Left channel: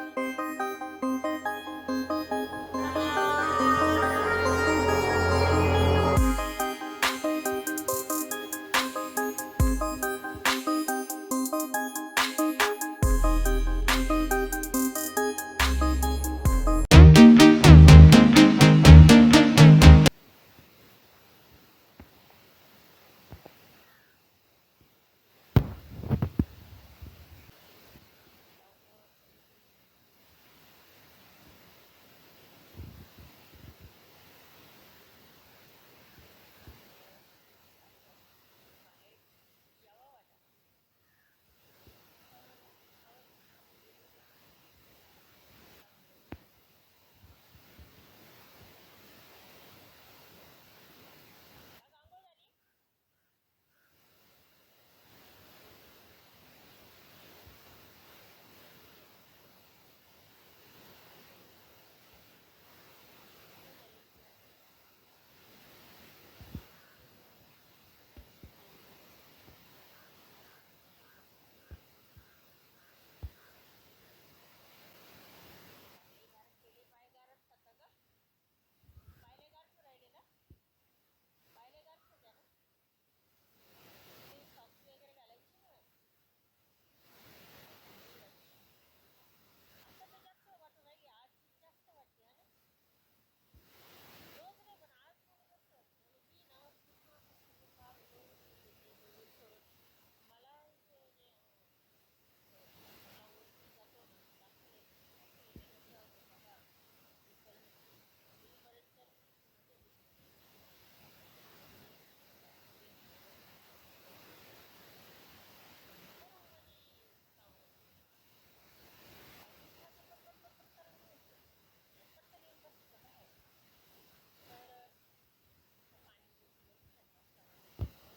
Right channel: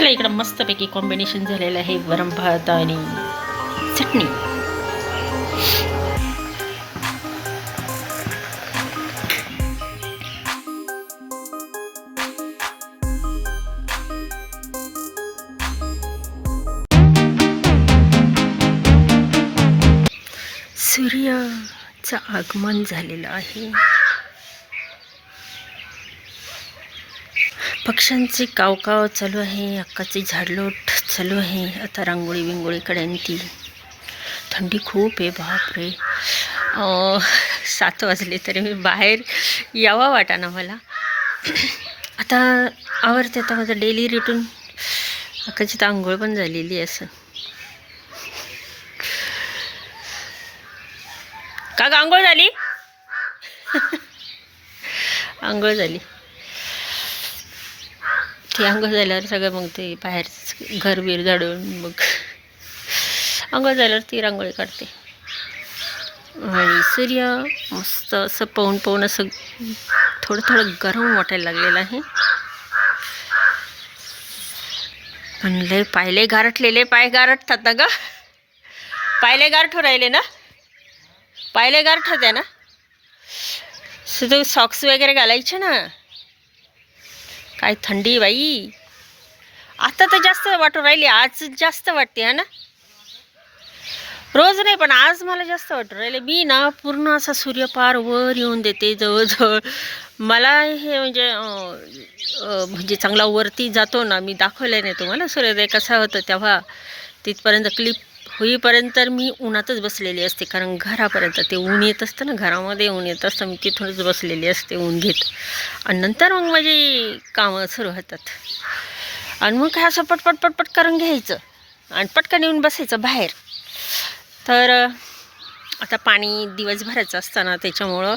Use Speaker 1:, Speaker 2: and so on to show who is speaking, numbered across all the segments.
Speaker 1: चला इकडं मस्तपैकी कॉम्बिनेशन झालेलं आहे. वरम भात आणि चटणी. सूर्याचं आगमन झालेलं आहे. पक्ष्यांचे कावकाव चालू आहे अक्काची झाडलोट चालू आहे. आता रांगोळी बिंगोळीकडे आणि ती. थंडी खूप आहे बापरे. सात वाजले तरी मी बाहेर यावा वाटा ना मला. आता आवडते आता माझं डेली रिटून अक्काची तर आंघोळ पण झालेली आहे असं. का ग आंघोळ झाली? आंघोळ झाली. ते अंग झाल्यावर सगळं मग ते बाहेर घर बीर झाडून मग अंग झाल्यावर ती रांगोळी काढते. आणि सूर्य मस्त असं पाहून पाहून असं थोडं थोडं गरम वाटायला लागलेलं आहे. म्हणले पायले गारटलेले पाय गारटतात ना ग? पायले गारठू राहिले ना? पायले गारठत आहे ना? सुद्धा सॉक्स वगैरे घालायचे ना? काय थंडी बाई. आता तर जास्त वाटू राहिली आज जास्त वाटते हा ना? रोज नाही पण आज मला जास्त वाटू राहिले. मी ना पूर्ण असा सूर्यपार वर येऊन देते जवळजवळ. मला हे म्हणजे म्हणजे चांगला वरती जातो ना मी दाखवलं नाही तुम्हाला सूर्योदय कसा होतं तेव्हा. तिथपर्यंत क्लिप होईपर्यंत तर मी उन्हातच बसलेली असते. कारण घरापर्यंत ते ऊन येत असतं ना घरामध्ये ऊन येत असतं मी तिथूनच बसलेली असते ऊन घेत. आणि नंतर मग माझी कामं सुरू होतात. आणि मग काय असं पटपट पटपट करून घ्यायचं. आणि पटकन येऊन बसायचं बाहेर. तर आता पाणी दिवसभराचं असताना त्याच्यामुळं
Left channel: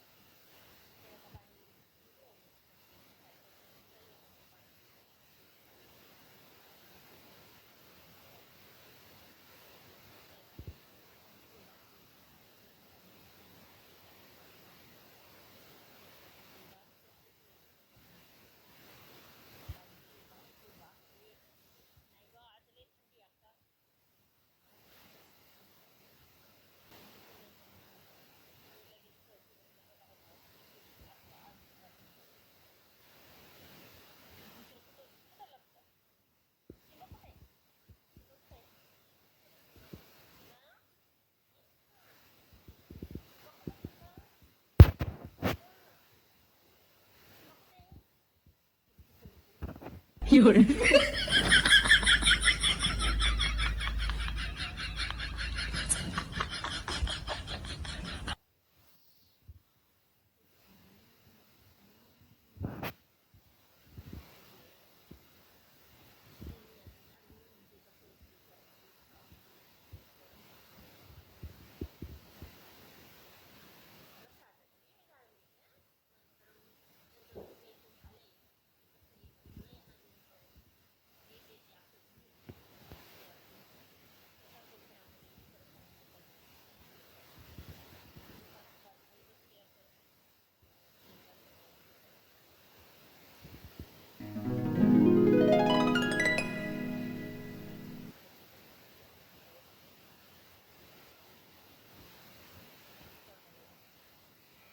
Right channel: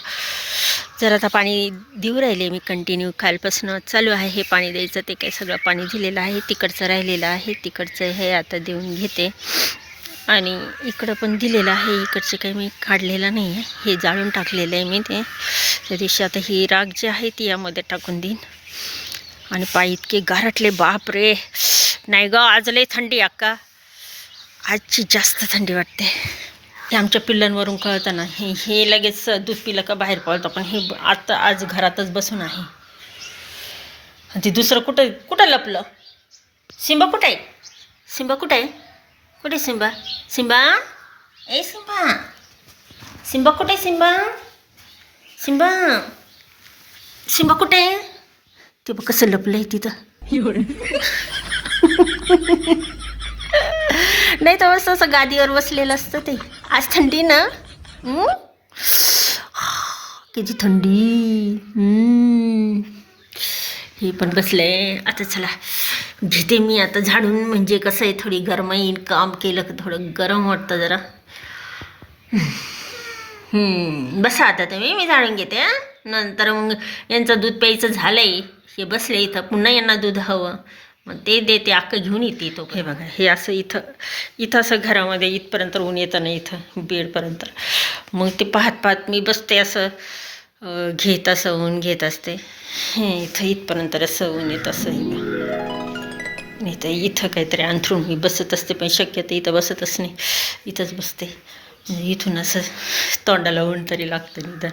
Speaker 1: जर आता पाणी देऊ राहिले मी कंटिन्यू कालपासून चालू आहे हे पाणी द्यायचं ते काही सगळं पाणी दिलेलं आहे तिकडचं राहिलेलं आहे तिकडचं हे आता देऊन घेते. आणि इकडं पण दिलेलं आहे. इकडचे काही मी काढलेलं नाही आहे हे जाळून टाकलेलं आहे मी ते. त्या दिवशी आता ही राग जी आहे ती यामध्ये टाकून देईन. आणि पाय इतके गारटले बाप रे नाही ग आज लय थंडी अक्का. आजची जास्त थंडी वाटते. हे आमच्या पिल्लांवरून कळतं ना हे हे लगेच दूध पिलं का बाहेर पळतं पण हे आता आज घरातच बसून आहे. आणि ते दुसरं कुठं कुठं लपलं? सिंबा कुठं आहे? सिंबा कुठं आहे? कुठे सिंबा सिंबा ए सिंबा सिंबा कुठे सिंबा सिंबा सिंबा कुठे ते बघ कसं लपलं आहे तिथं नाही तर मस्त असं गादीवर बसलेलं असतं ते आज थंडी ना? किती थंडी हं. हे पण बसले आता चला घेते मी आता झाडून म्हणजे कसं आहे थोडी गरमाई काम केलं की थोडं गरम वाटतं जरा. बसा आता तुम्ही मी झाडून घेते नंतर मग यांचं दूध प्यायचं झालंय हे बसले इथं पुन्हा यांना दूध हवं. मग ते देते अक्क घेऊन येते तो. हे बघा हे असं इथं इथं असं घरामध्ये इथपर्यंत ऊन येतं ना इथं बेडपर्यंत. मग ते पाहत पाहत मी बसते असं घेत असं ऊन घेत असते. हे इथं इथपर्यंत असं ऊन येत असं. नाही तर इथं काहीतरी अंथरून मी बसत असते पण शक्यतो इथं बसतच नाही. इथंच बसते. म्हणजे इथून असं तोंडाला ऊन तरी लागतं निदान.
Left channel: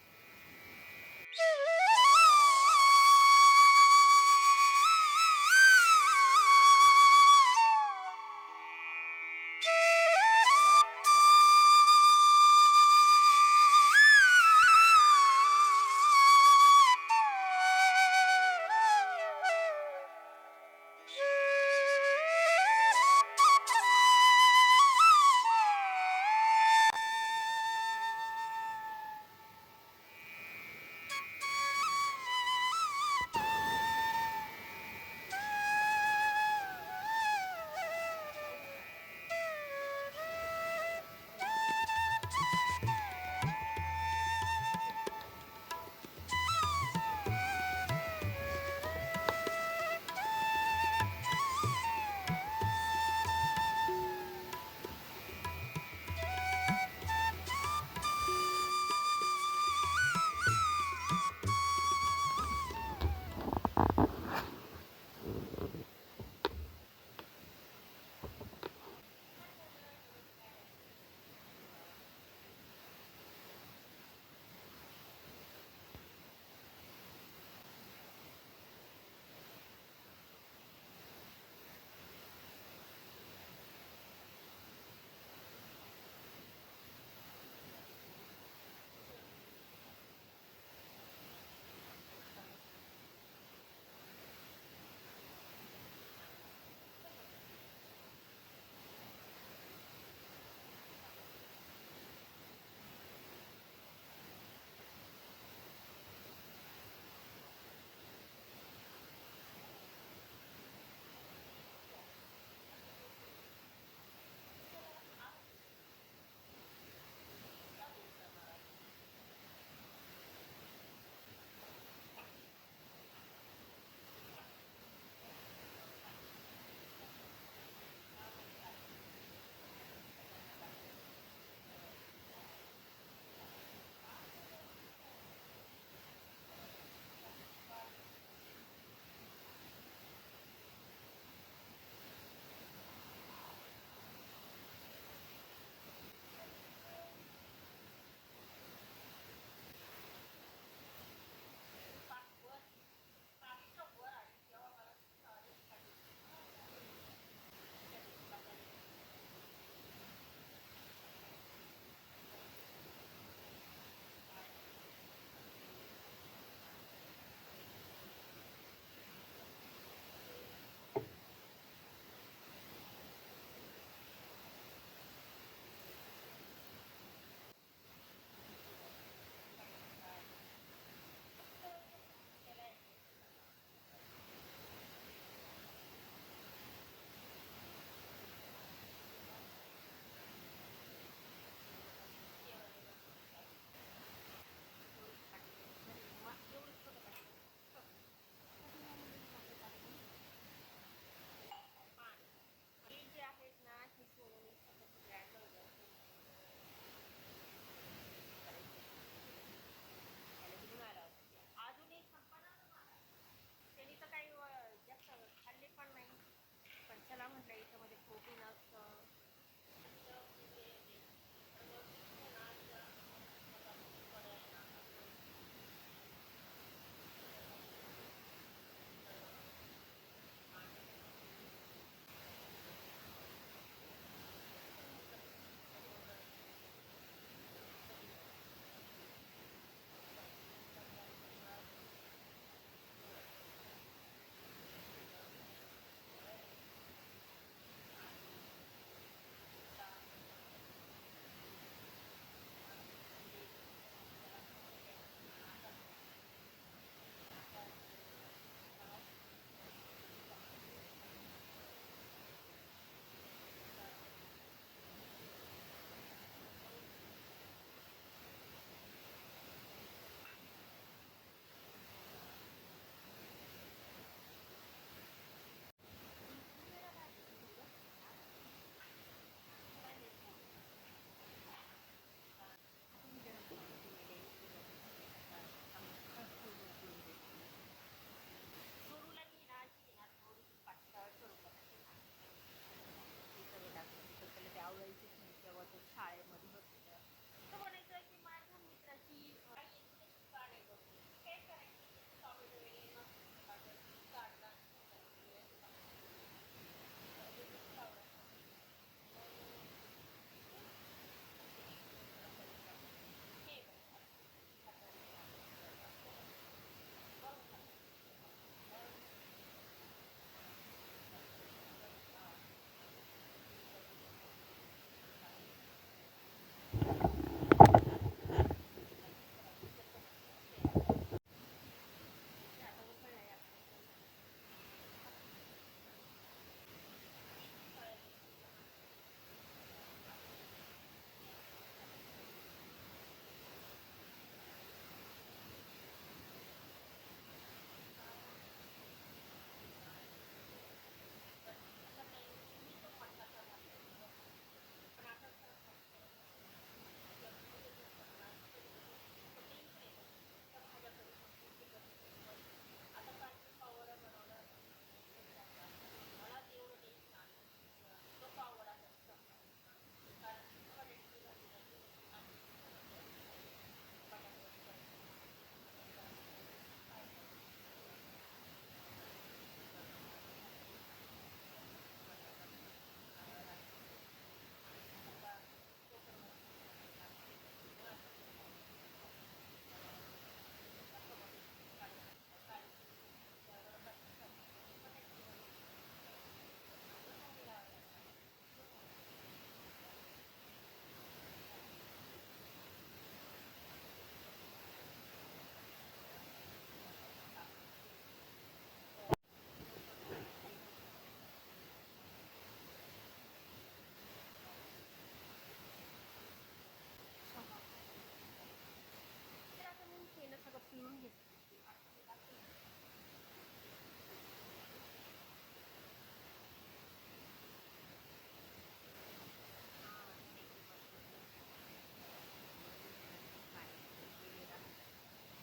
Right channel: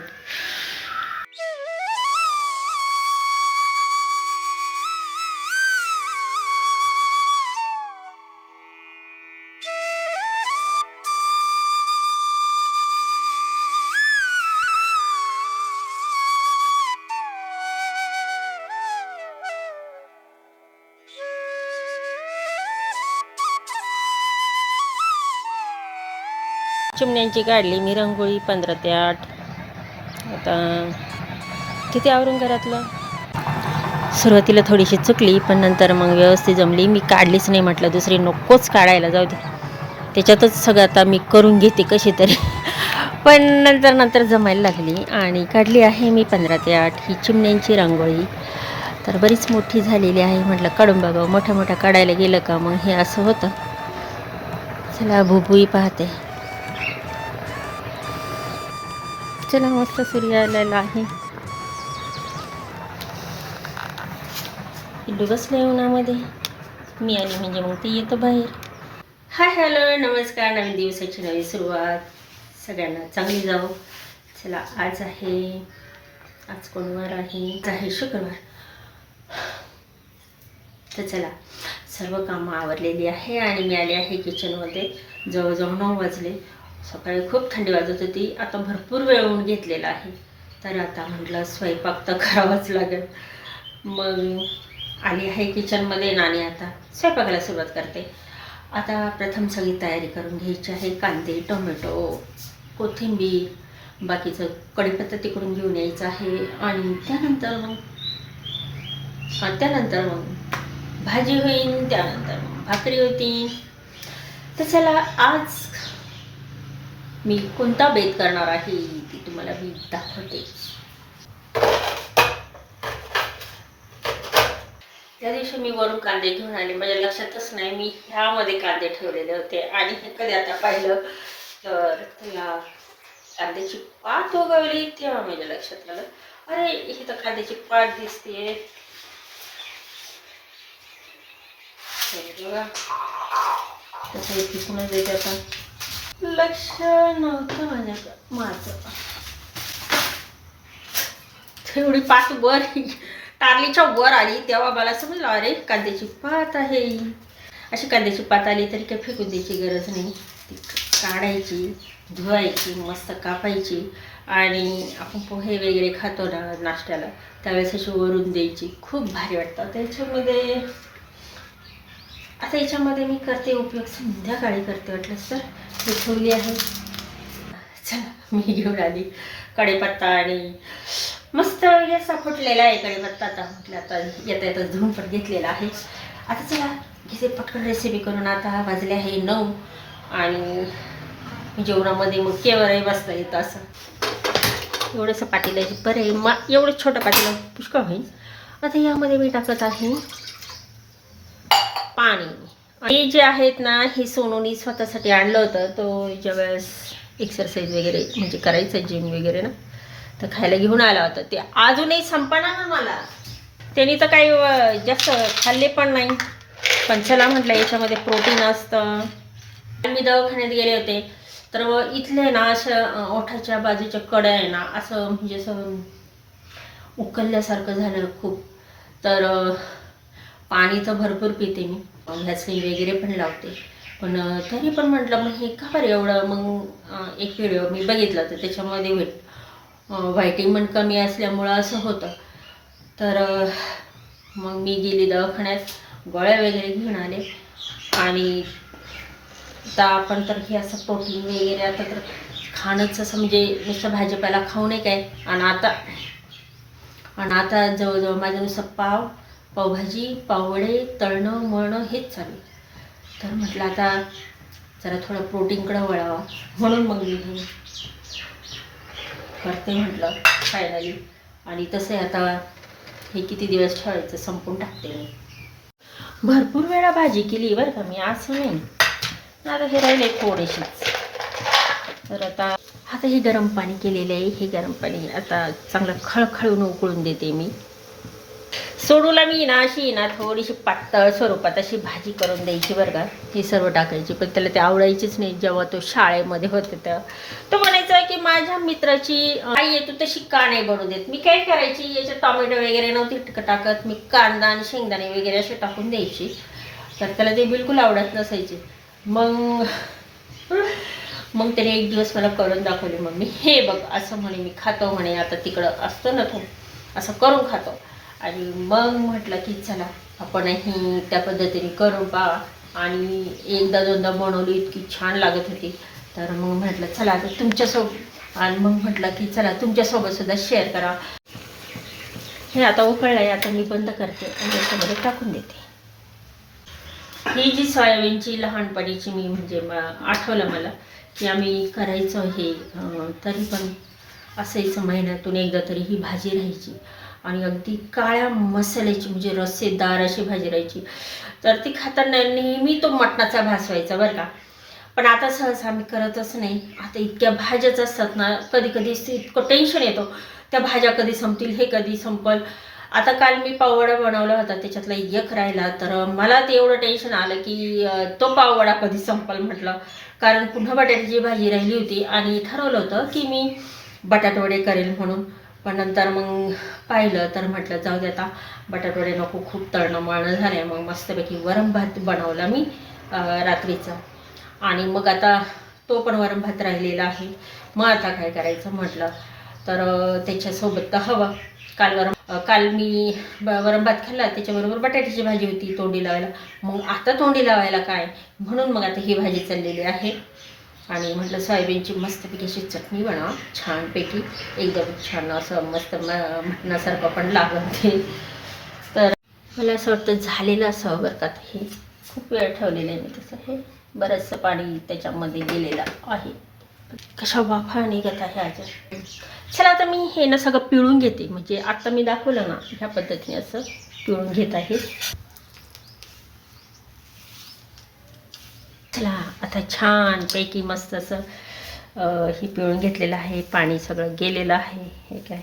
Speaker 1: चिमण्यांची काढली मी रंगोळी पंधरा ते आठ. आता किती आवरून घरातलं सुरुवातीला थोडीशी चुकली पण नंतर मग व्यवस्थित जमली. मी काढलीच नाही म्हटलं दुसरी नकोच काढायला जाऊ दे. त्याच्यातच सगळं आता मी करून घेते कशी तरी. पण नंतर नंतर जमायला लागली आणि काढली आहे मी पंधरा ते आठ. ही चिमण्यांची रांगोळी. तर बरीच मोठी झालेली आहे. म्हटलं काढून बाबा मोठ्या मोठ्या काढायला गेलं का? मग हे असं होतं. चला भुबुई पाहते. चला मस्त सूर्य आलेला आहे. पिल्लू बसले उन्हामध्ये मी आली म्हणजे मग ते येतं बाहेर. हाय हॅलो नमस्कार. नवीन दिवसाची नवी सुरुवात. सगळ्यांना चांगली जाऊ चला आज आहे आज कोणवार आहे? आज आहे शुक्रवार. तर चला सर्व कामं आवरलेली आहे आणि मी आले आहे किचनमध्ये जवळजवळ नऊ वाजले. सकाळी खूप थंडी वाजत होती. आता भरपूर वेळ होऊन घेतलेला आहे. तर आता म्हटलं स्वयंपाक तर करावाच लागेल. मग आली आहे किचनमध्ये नाणी आता स्वयंपाकाला सुरुवात करते. आता प्रथम सगळी तयारी करून घ्यायची आहे. कांदे टोमॅटो कोथिंबीर बाकीचं कढीपत्ता तिकडून घेऊन यायचं आहे. आणि त्यानंतर मग त्यानंतर मग भाजी होईल त्यानंतर मग भाकरी होती. तर चला आज मी कोणता बेत करणार आहे ती तुम्हाला मी दाखवते. त्या दिवशी मी वरून कांदे घेऊन आले. माझ्या लक्षातच नाही मी ह्यामध्ये कांदे ठेवलेले होते. आणि हे कधी आता पाहिलं तर त्याला कांद्याची पात उगवली तेव्हा माझ्या लक्षात आलं. अरे हे तर कांद्याची पात दिसते. बघा. तसं तिथूनच येते आता. लक्ष नव्हतं माझ्याकडं. माझं. तेवढी पात वर टारलीच्या वर आली तेव्हा मला समजलं अरे कांद्याची पात आहे. अशी कांद्याची पात आली तरी काही फेकून द्यायची गरज नाही. ती काढायची धुवायची मस्त कापायची आणि आपण पोहे वगैरे खातो ना नाश्त्याला त्यावेळेस अशी वरून द्यायची. खूप भारी वाटतं. त्याच्यामध्ये आता याच्यामध्ये मी करते उपयोग. संध्याकाळी करते वाटलंच तर. हे ठेवली आहे. चला मी घेऊन आली. कढीपत्ता आणि मस्त वगैरे असा फुटलेला आहे कढीपत्ता. आता म्हटलं आता येता येता धुवून पण घेतलेला आहे. आता चला घेते पटकन रेसिपी करून. आता वाजले आहे नऊ आणि जेवणामध्ये मग केवळही बसता येतं असं. एवढंसं पातेलं आहे बरं आहे मा एवढं छोटं पातेलं पुष्कळ होईल. आता यामध्ये मी टाकत आहे पाणी. हे जे आहेत ना हे सोनूनी स्वतःसाठी आणलं होतं. तो ज्या वेळेस एक्सरसाइज वगैरे म्हणजे करायचं जिम वगैरे ना तर खायला घेऊन आला होता. ते अजूनही संपणार ना मला. त्यांनी तर काही जास्त खाल्ले पण नाही. पण चला म्हटलं याच्यामध्ये प्रोटीन असतं. मी दवाखान्यात गेले होते. तर इथले ना असं ओठाच्या बाजूच्या कड्या आहे ना असं म्हणजे असं उकलल्यासारखं झालं खूप. तर पाणी तर भरपूर पिते मी. व्हॅसलीन वगैरे पण लावते. पण तरी पण म्हटलं मग हे का बरं एवढं? मग एक व्हिडिओ मी बघितला तर त्याच्यामध्ये भेट पण कमी असल्यामुळं असं होतं. तर मग मी गेली दवाखान्यात गोळ्या वगैरे घेऊन आले. आणि आता आपण तर हे असं प्रोटीन वगैरे आता तर खाणंच असं म्हणजे नुसतं भाजीपाला खाऊ नये काय? आणि आता आणि आता जवळजवळ माझं नुसतं पाव पावभाजी पावडे तळणं मळणं हेच चालू आहे. तर म्हटलं आता जरा थोडं प्रोटीनकडं वळावा. म्हणून मग मी करते म्हटलं फायनली आणि तसं आता हे किती दिवस ठेवायचं संपून टाकते मी. भरपूर वेळा भाजी केली बरं का मी असं नाही. आता हे राहिले थोडेसेच. तर आता आता हे गरम पाणी केलेलं आहे हे गरम पाणी आता चांगलं खळखळून उकळून देते मी. सोडूला मी ना अशी ना थोडीशी पातळ स्वरूपात अशी भाजी करून द्यायची बरं का. ही सर्व टाकायची. पण त्याला ते आवडायचीच नाही. जेव्हा तो शाळेमध्ये होते तेव्हा तो म्हणायचा की माझ्या मित्राची आई आहे तू तशी का नाही बनवू देत? मी काय करायची? याच्यात टॉमॅटो वगैरे नव्हती टाकत. मी कांदा आणि शेंगदाणे वगैरे असे टाकून द्यायची. तर त्याला ते बिलकुल आवडत नसायचे. मग मग त्याने एक दिवस मला करून दाखवले मम्मी हे बघ असं म्हणे मी खातो म्हणे. आता तिकडं असतं ना तो. असं करून खातो. आणि मग म्हटलं की चला आपणही त्या पद्धतीने करून पहा आणि एकदा दोनदा बनवली इतकी छान लागत होती. तर मग म्हटलं चला आता तुमच्यासोबत. आणि मग म्हटलं की चला तुमच्यासोबत सुद्धा शेअर करा. हे आता उकळलं आहे आता मी बंद करते. आणि त्याच्यामध्ये टाकून देते. ही जी सोयाबीनची लहानपणीची मी म्हणजे म- आठवलं मला की आम्ही करायचो हे तरी पण असायचं महिन्यातून एकदा तरी ही भाजी राहायची. आणि अगदी काळ्या मसाल्याची म्हणजे रस्सेदार अशी भाजी राहायची. तर ती खाताना नेहमी तो मटणाचा भास व्हायचा बरं का. पण आता सहसा आम्ही करतच नाही. आता इतक्या भाज्याच असतात ना कधी कधी इतकं टेन्शन येतो. त्या भाज्या कधी संपतील हे कधी संपल. आता काल मी पाववडा बनवला होता त्याच्यातला एक राहिला. तर मला ते एवढं टेन्शन आलं की तो पाववडा कधी संपल म्हटलं. कारण पुन्हा बटाट्याची भाजी राहिली होती आणि ठरवलं होतं की मी बटाटवडे करेल म्हणून. पण नंतर मग पाहिलं तर म्हटलं जाऊ दे आता बटाटवडे नको खूप तळणं मळणं झालं मग मस्तपैकी वरम भात बनवला मी रात्रीचा. आणि मग आता तो पण वरम भात राहिलेला आहे. मग आता काय करायचं म्हटलं तर त्याच्यासोबत तर हवं. काल वरम काल मी ब- वरम भात खाल्ला त्याच्याबरोबर बटाट्याची भाजी होती तोंडी लावायला. मग आता तोंडी लावायला काय? म्हणून मग आता ही भाजी चाललेली आहे. आणि म्हटलं सोयाबीनची मस्तपैकी अशी चटणी बनवा छानपैकी एकदम छान असं मस्त म- मटणासारखं पण लागत ते. तर मला असं वाटतं झालेलं असं बरं का हे खूप वेळ ठेवलेलं आहे मी तसं. हे बरंचसं पाणी त्याच्यामध्ये गेलेलं आहे. कशा वाफा निघत आहे आज. चला आता मी हे ना सगळं पिळून घेते. म्हणजे आत्ता मी दाखवलं ना ह्या पद्धतीने असं पिळून घेत आहे. चला आता छान पैकी मस्त असं हे पिळून घेतलेलं आहे पाणी सगळं गेलेलं आहे हे काय?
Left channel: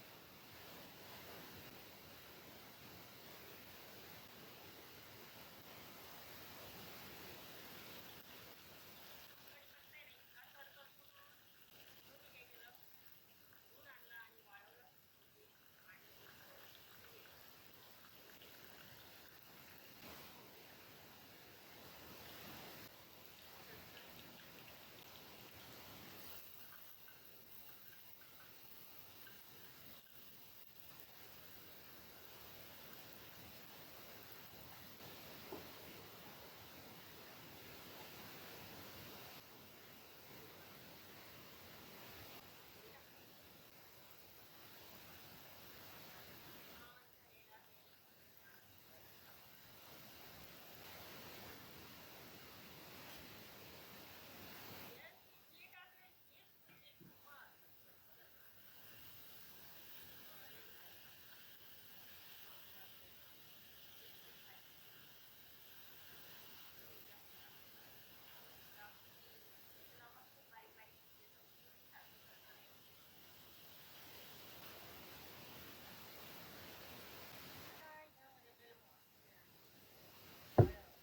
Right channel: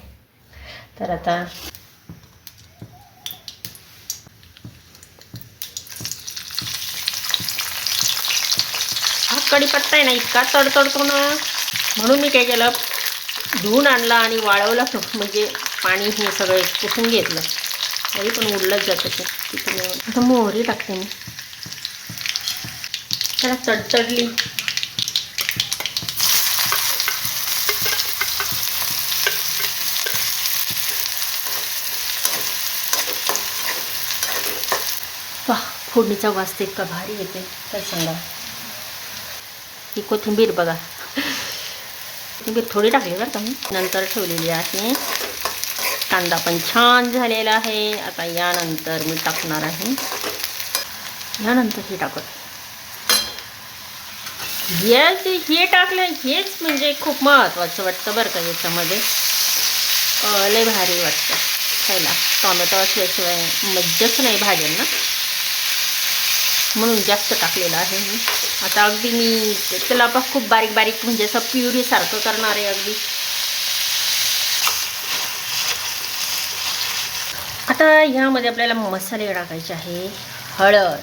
Speaker 1: तर आता हा कढीपत्ता आहे ना इतका तडतडतो ना म्हणून मी काय केलं धुवून आणला आणि वाळवला म्हणजे पाणी हे सगळं पुसून घेतलं. तरी पण उडलंच जातं ते. तिथे आता मोहरी टाकते मी. त्याला तडतडली वा फोडणीचा वास इतका भारी येते काय सांगा? ही कोथिंबीर बघा. कोथिंबीर थोडी टाकली बरं का मी. नंतर ठेवलेली आहे. कांदा पण छान झालेला आहे. आता यानंतर मी टाकणार आहे. यानंतर हे टाकत याच हे टाकलं हेच म्हणजे खूप महत्त्वाचं वाटतं बरं का याच्यामध्ये. लय भारी वाटतं. खायला टॉमॅटो असल्याशिवाय मज्जाच नाही भाज्यांना. म्हणून जास्त टाकलेलं आहे मी. आता अगदी मी त्याला पण खूप बारीक बारीक म्हणजे असं प्युरीसारखं करणार आहे अगदी. आता ह्यामध्ये आपल्याला मसाले टाकायचे आहे. हळद.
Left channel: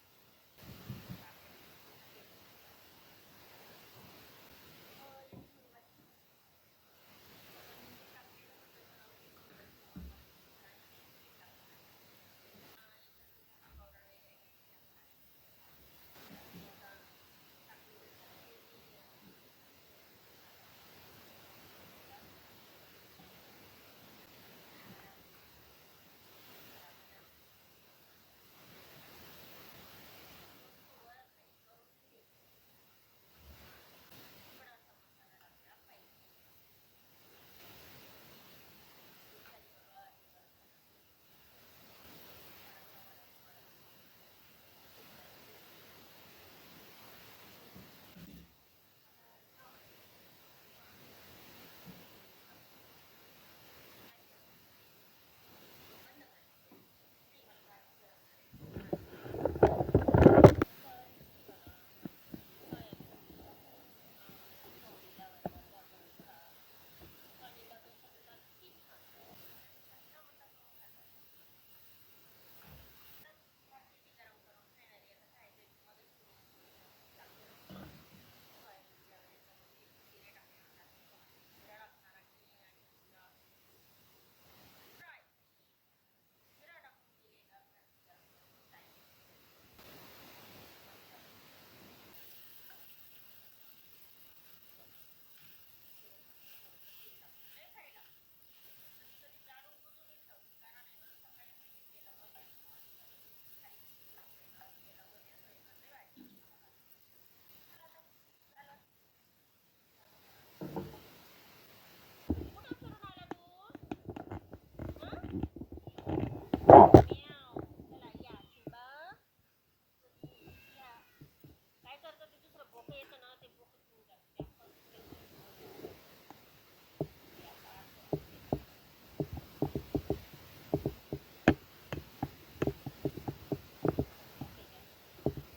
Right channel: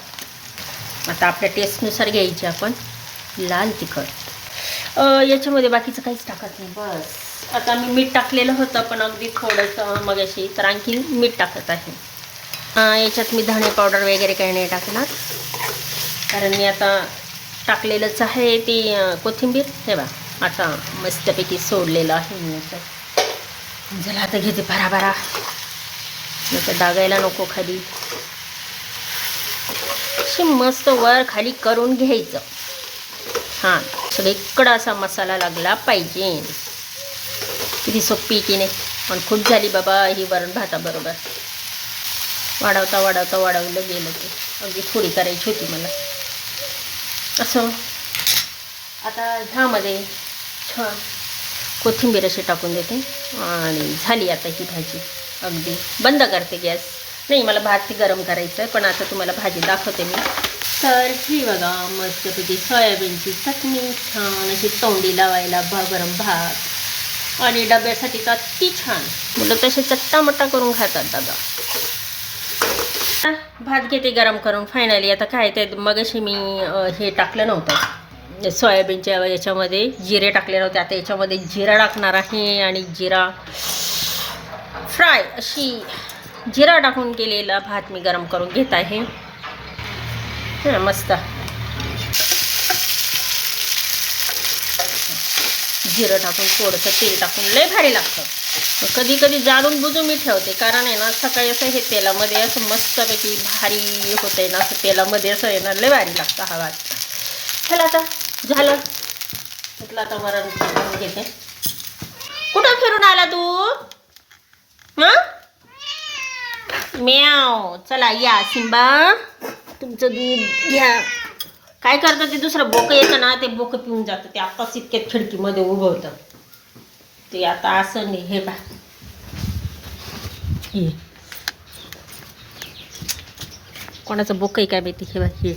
Speaker 1: आता आपल्या टेस्टनुसार घ्यायची आपण. लाल तिखट. याच्यामध्ये बाकीचं काहीच टाकत नाही. बस. आता मी मीठ टाकलेलं होतं पण अगदी थोडंसं मग अशी तर आणखी मीठ टाकत आहे. याच्यात मी धणे पावडर वगैरे काही नाही टाकणार. कारण मी आता टाकलेलंच आहे ती कोथिंबीर. हे बा आता मस्तपैकी सोडलेलं आहे मी याच्यात. झालं आता घेते भरा भरा नंतर डागायला नको खाली. अशी मस्त वर खाली करून घ्यायचं. हां सगळीकडं असा मसाला लागला पाहिजे. किती सोपी की नाही पण खूप झाली बाबा ही वरण भाताबरोबर. वाढवता वाढवता वाढवलं गेलं ते. अगदी थोडी करायची होती मला. असं. आता ह्यामध्ये छान कोथिंबीर अशी टाकून देते. आणि झाली आता ही भाजी. अगदी. बंद करते गॅस. नाही मला भात ते गरम करायचं आहे पण आता तुम्हाला भाजी दाखवते मी. तर ही बघा मस्तपैकी सोयाबीनची चटणी छान अशी तोंडी लावायला भा गरम भात. आणि डब्यासाठी तर ती छान. मुलं तसे चट्टामट्टा करून खातात दादा. भात घेते गरम करून. फायनली आता काय ते मगाशी मी हे टाकलं नव्हतं. सोयाबीनच्या याच्यामध्ये जिरे टाकले नव्हते. आता याच्यामध्ये जिरा टाकणार आहे आणि जिरा फ्राय अशी जिरा टाकून केलेला भात मी गरम करून घेत आहे. हां मस्त. जिरं टाकून थोडंसं तेल टाकून लय भारी लागतं. कधी कधी जाणून बुजून मी ठेवते कारण आहे ना सकाळी असं हे तेलामध्ये असं मस्तपैकी भारी होतंय ना असं तेलामध्ये असं आहे ना लय भारी लागतं हा भात चला आता झालं. म्हटलं आता वरण टाकून घेते. कुठं फिरून आला तू? हां? म्याव. चला या सिंबा. तुमचं दूध घ्या. काय करतं ते दुसरं बोकं येतं ना ते बोकं पिऊन जातं. ते आत्ताच इतक्यात खिडकीमध्ये उभं होतं ते आता असं नाही हे बा हे. कोणाचं बोकं आहे काय माहिती हे बा हे